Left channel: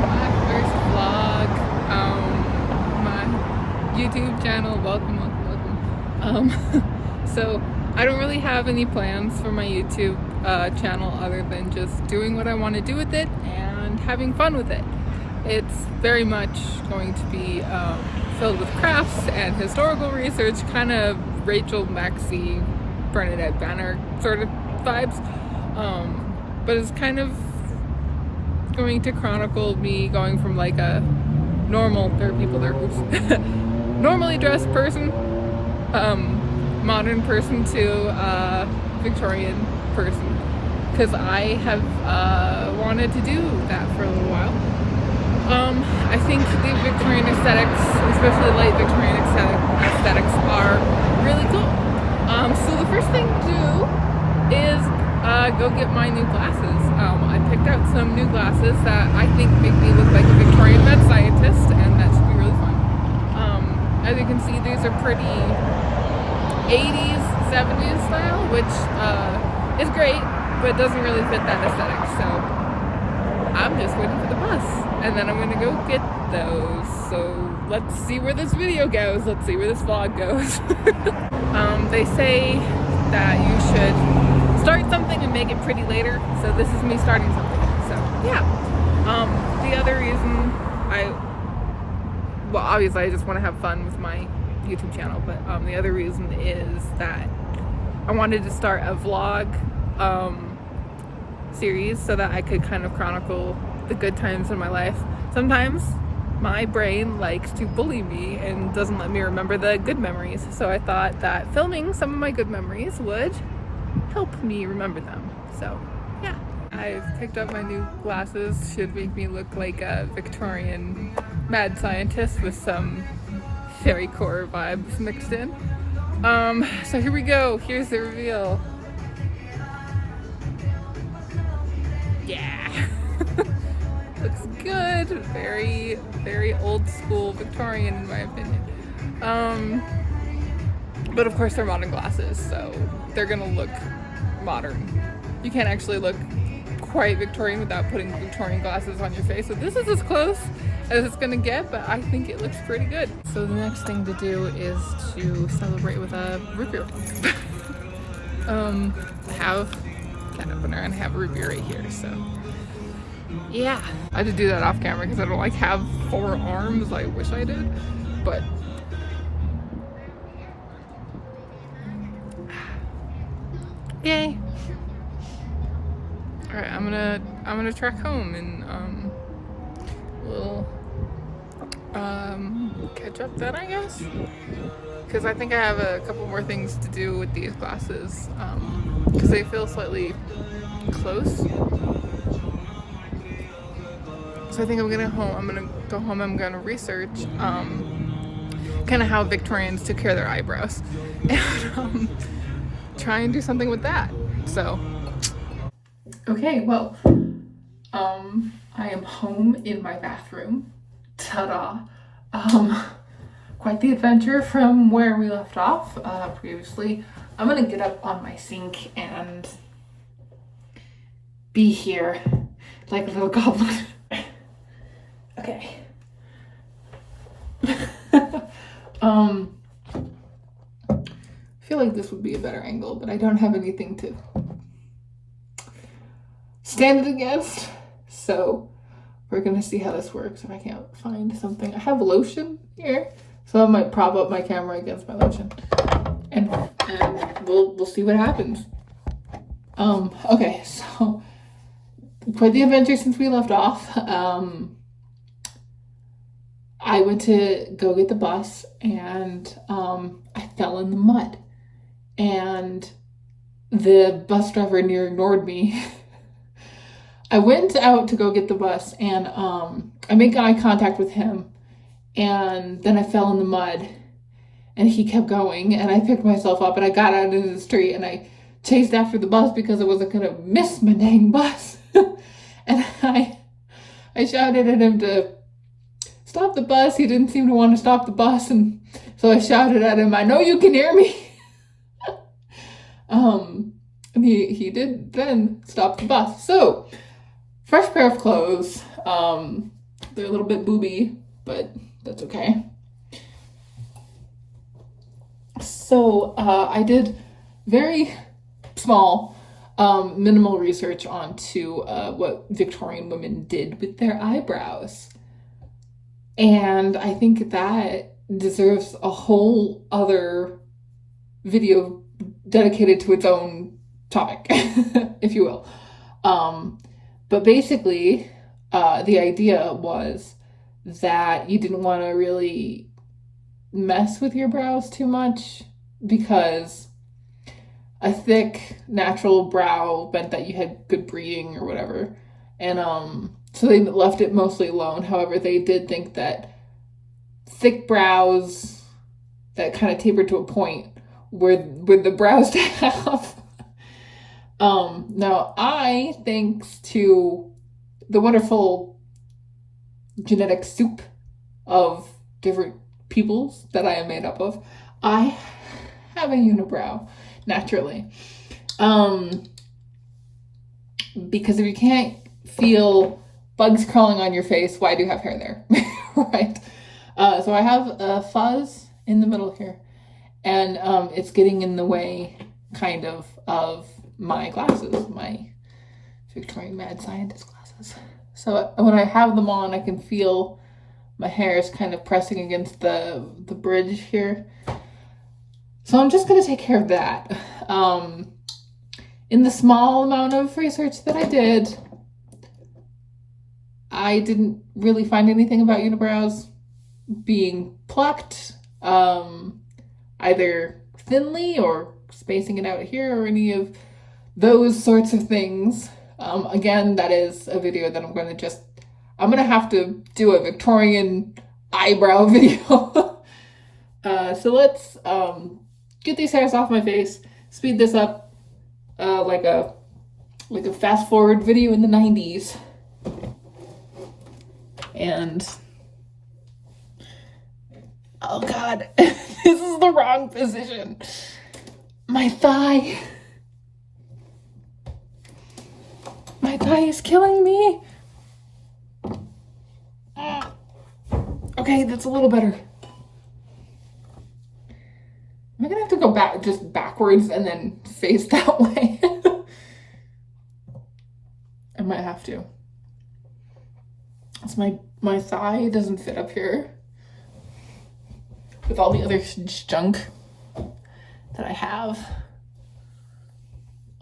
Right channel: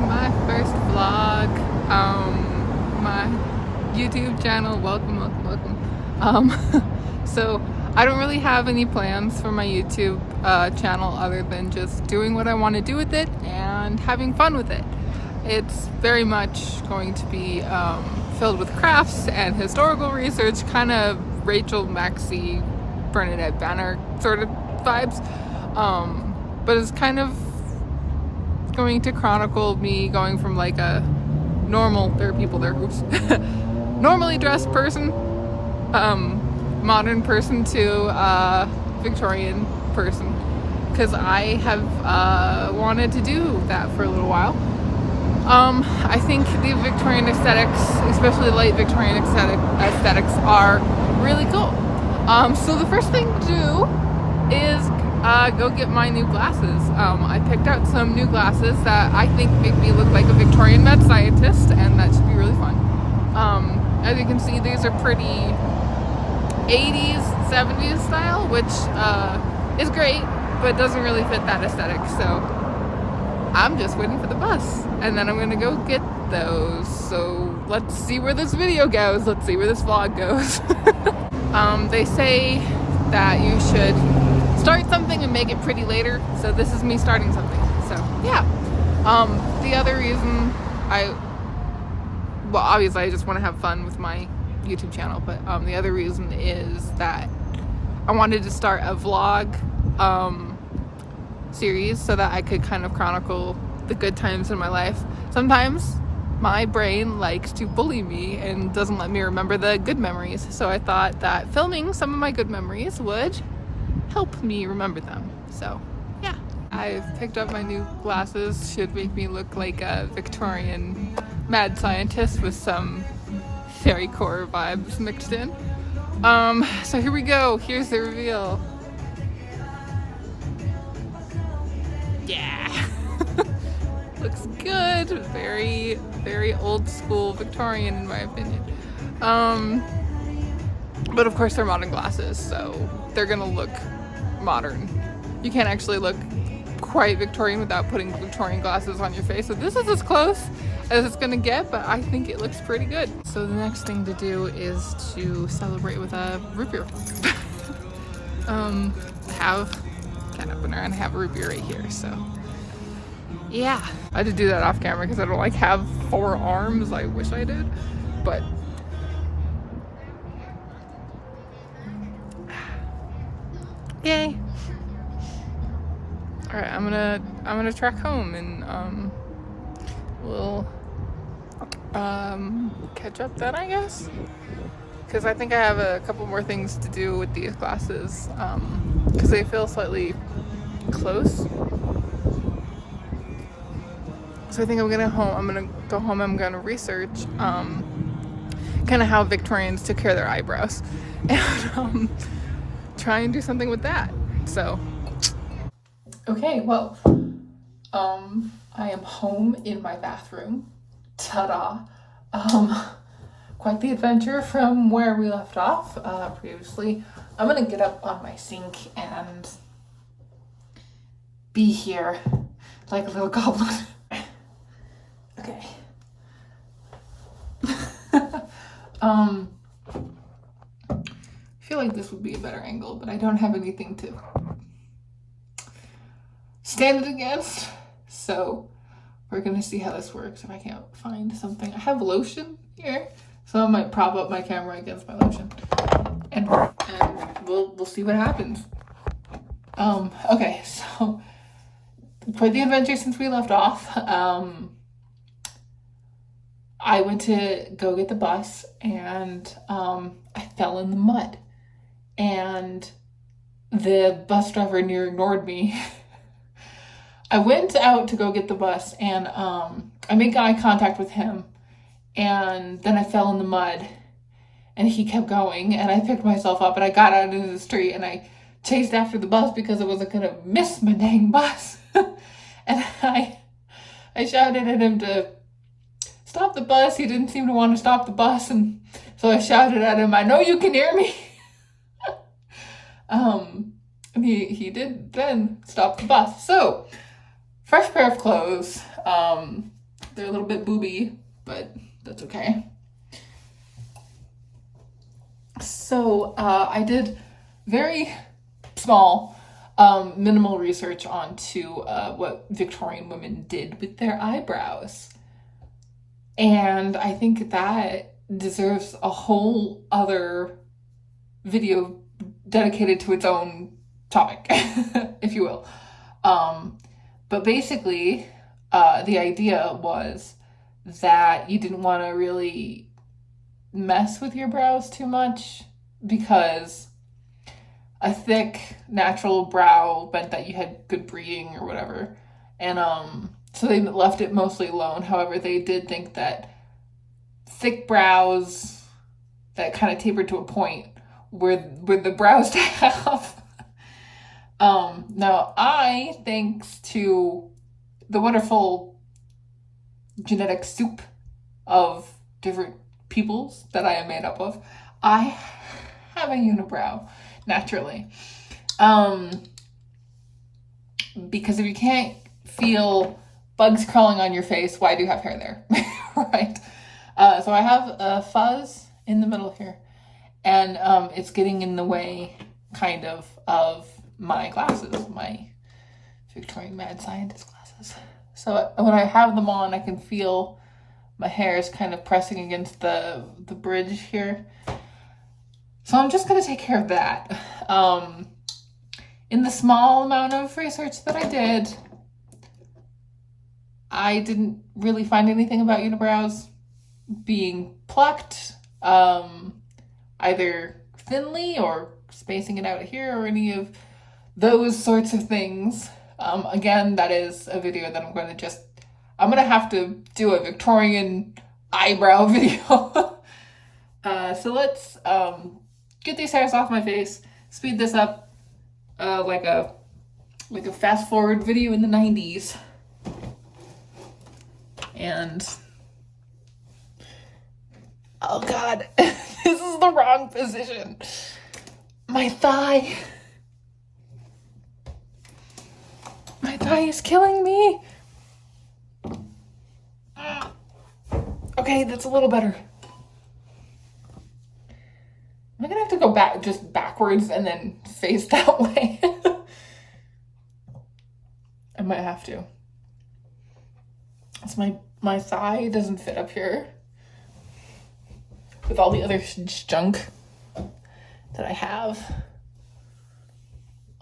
to my first vlog. My YouTube channel. Welcome. So I don't really have any plans for my YouTube channel other than just doing what I want to do with it and having fun with it. It's very much going to be filled with crafts and historical research, kind of Rachel Maxey, Bernadette Banner sort of vibes. But it's kind of going to chronicle me going from like a normal, there are people there who's normally dressed person, modern person to Victorian person, because I have wanted to do that for a little while. I think the Victorian aesthetics, especially light Victorian aesthetics, are really cool. So the first thing to do is go get my new glasses. I picked out some new glasses that I think make me look like a Victorian mad scientist, and that should be really fun. As you can see, these are pretty 80s, 70s style, which is great, but doesn't really fit that aesthetic. So I'm just waiting for the bus, and then I'm gonna go get those. So let's see where this video goes. Let's see where this vlog goes. They say that you should start something and make it pretty later. So this is me starting something. So yeah. The other reason well, obviously I just want to have fun with my YouTube channel, but the other reason is that I wanted to start a vlog series so that I could kind of chronicle the good times in my life. Sometimes my brain likes to bully me and doesn't let me remember the good memories, so I thought that filming some of my good memories would help me remember them. So yeah, I've picked up my new glasses. Should make me look like a Victorian mad scientist with some fairy core vibes mixed in. So here we go. Here's the reveal. Yeah. Looks good. Very, very old school Victorian in my opinion. But of course they're modern glasses, so they're gonna look modern. You can't actually look quite Victorian without putting Victorian glasses on your face. So this is as close as it's gonna get, but I think it looks pretty good. So the next thing to do is to celebrate with a root beer. Have can opener and I have a root beer right here, so yeah. I had to do that off camera because I don't like have 4 arms. I wish I did, but yay. All right, I'm gonna track home and we'll catch up then, I guess, because I think I have a couple more things to do with these glasses because they feel slightly close. So I think I'm gonna go home. I'm gonna research kind of how Victorians took care of their eyebrows and try and do something with that. So okay, well, I am home in my bathroom. Ta-da! Quite the adventure from where we left off previously. I'm gonna get up on my sink and be here like a little goblin. Okay. I feel like this would be a better angle, but I don't have anything to stand it against, so we're gonna see how this works. If I can't find something, I have lotion here, so I might prop up my camera against my lotion, and we'll see what happens. Okay, so quite the adventure since we left off. I went to go get the bus, and I fell in the mud, and the bus driver near ignored me. I went out to go get the bus, and I made eye contact with him, and then I fell in the mud, and he kept going, and I picked myself up, and I got out into the street, and I chased after the bus because I wasn't gonna miss my dang bus. And I shouted at him to stop the bus. He didn't seem to want to stop the bus, and so I shouted at him, "I know you can hear me." And he did then stop the bus. So fresh pair of clothes, They're a little bit booby, but that's okay. So I did very small, minimal research onto what Victorian women did with their eyebrows. And I think that deserves a whole other video dedicated to its own topic, if you will. But basically, the idea was that you didn't want to really mess with your brows too much because a thick natural brow meant that you had good breeding or whatever, and so they left it mostly alone. However, they did think that thick brows that kind of tapered to a point were the brows to have. Now I, thanks to the wonderful genetic soup of different peoples that I am made up of, I have a unibrow naturally. Because if you can't feel bugs crawling on your face, why do you have hair there? Right? So I have a fuzz in the middle here, and it's getting in the way, kind of my glasses, my Victorian mad scientist glasses. So when I have them on, I can feel my hair is kind of pressing against the bridge here. So I'm just going to take care of that. In the small amount of research that I didn't really find anything about unibrows being plucked, either thinly or spacing it out here or any of those sorts of things. Again, that is a video that I'm going to have to do a Victorian eyebrow video. So let's get these hairs off my face, speed this up like a fast forward video in the 90s. And oh god, this is the wrong position. My thigh is killing me. Okay, that's a little better. Am I gonna have to go back just backwards and then face that way? I might have to. It's my thigh doesn't fit up here with all the other junk that I have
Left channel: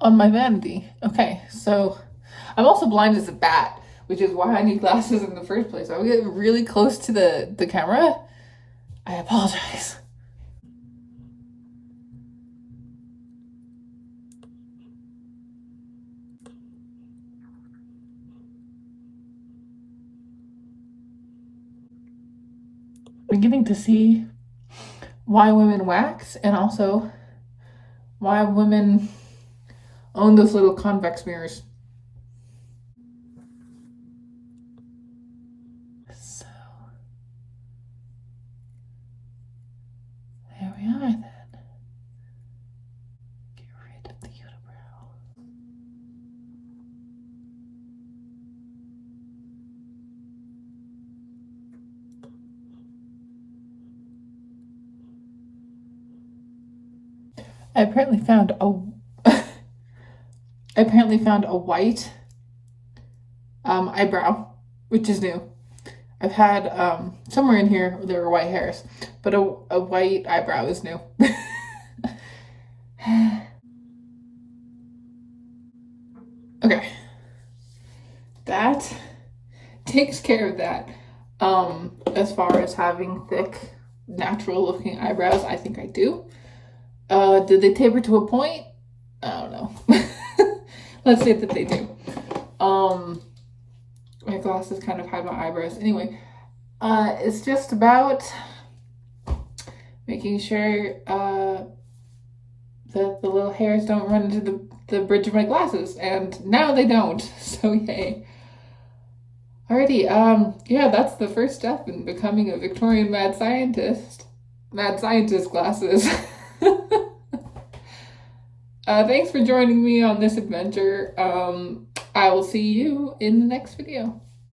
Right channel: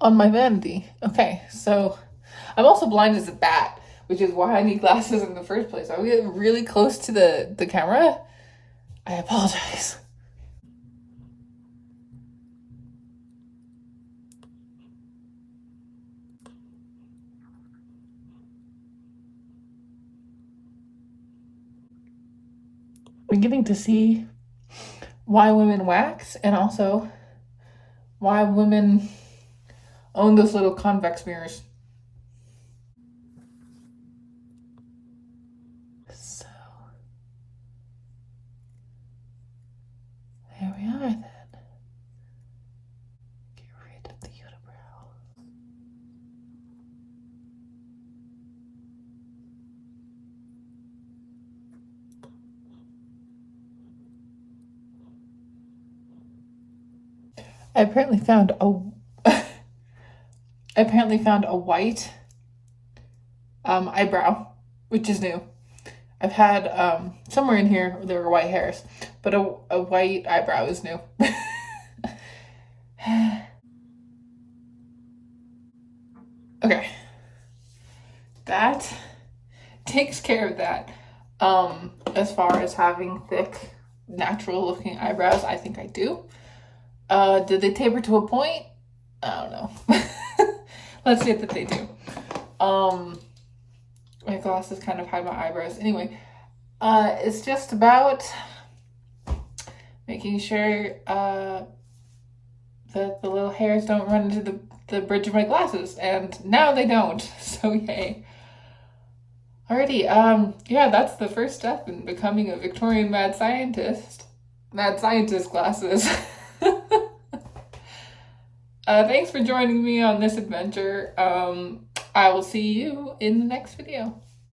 on my vanity. Okay, so I'm also blind as a bat, which is why I need glasses in the first place. I'll get really close to the camera. I apologize. Beginning to see why women wax, and also why women own those little convex mirrors. So there we are then. Get rid of the unibrow. I apparently found a white eyebrow, which is new. I've had somewhere in here there were white hairs, but a white eyebrow is new. Okay, that takes care of that. As far as having thick, natural looking eyebrows, I think I do. Did they taper to a point? I don't know. Let's say that they do. My glasses kind of hide my eyebrows. Anyway, it's just about making sure that the little hairs don't run into the bridge of my glasses, and now they don't, so yay. Alrighty, yeah, that's the first step in becoming a Victorian mad scientist. Mad scientist glasses. Thanks for joining me on this adventure. I will see you in the next video.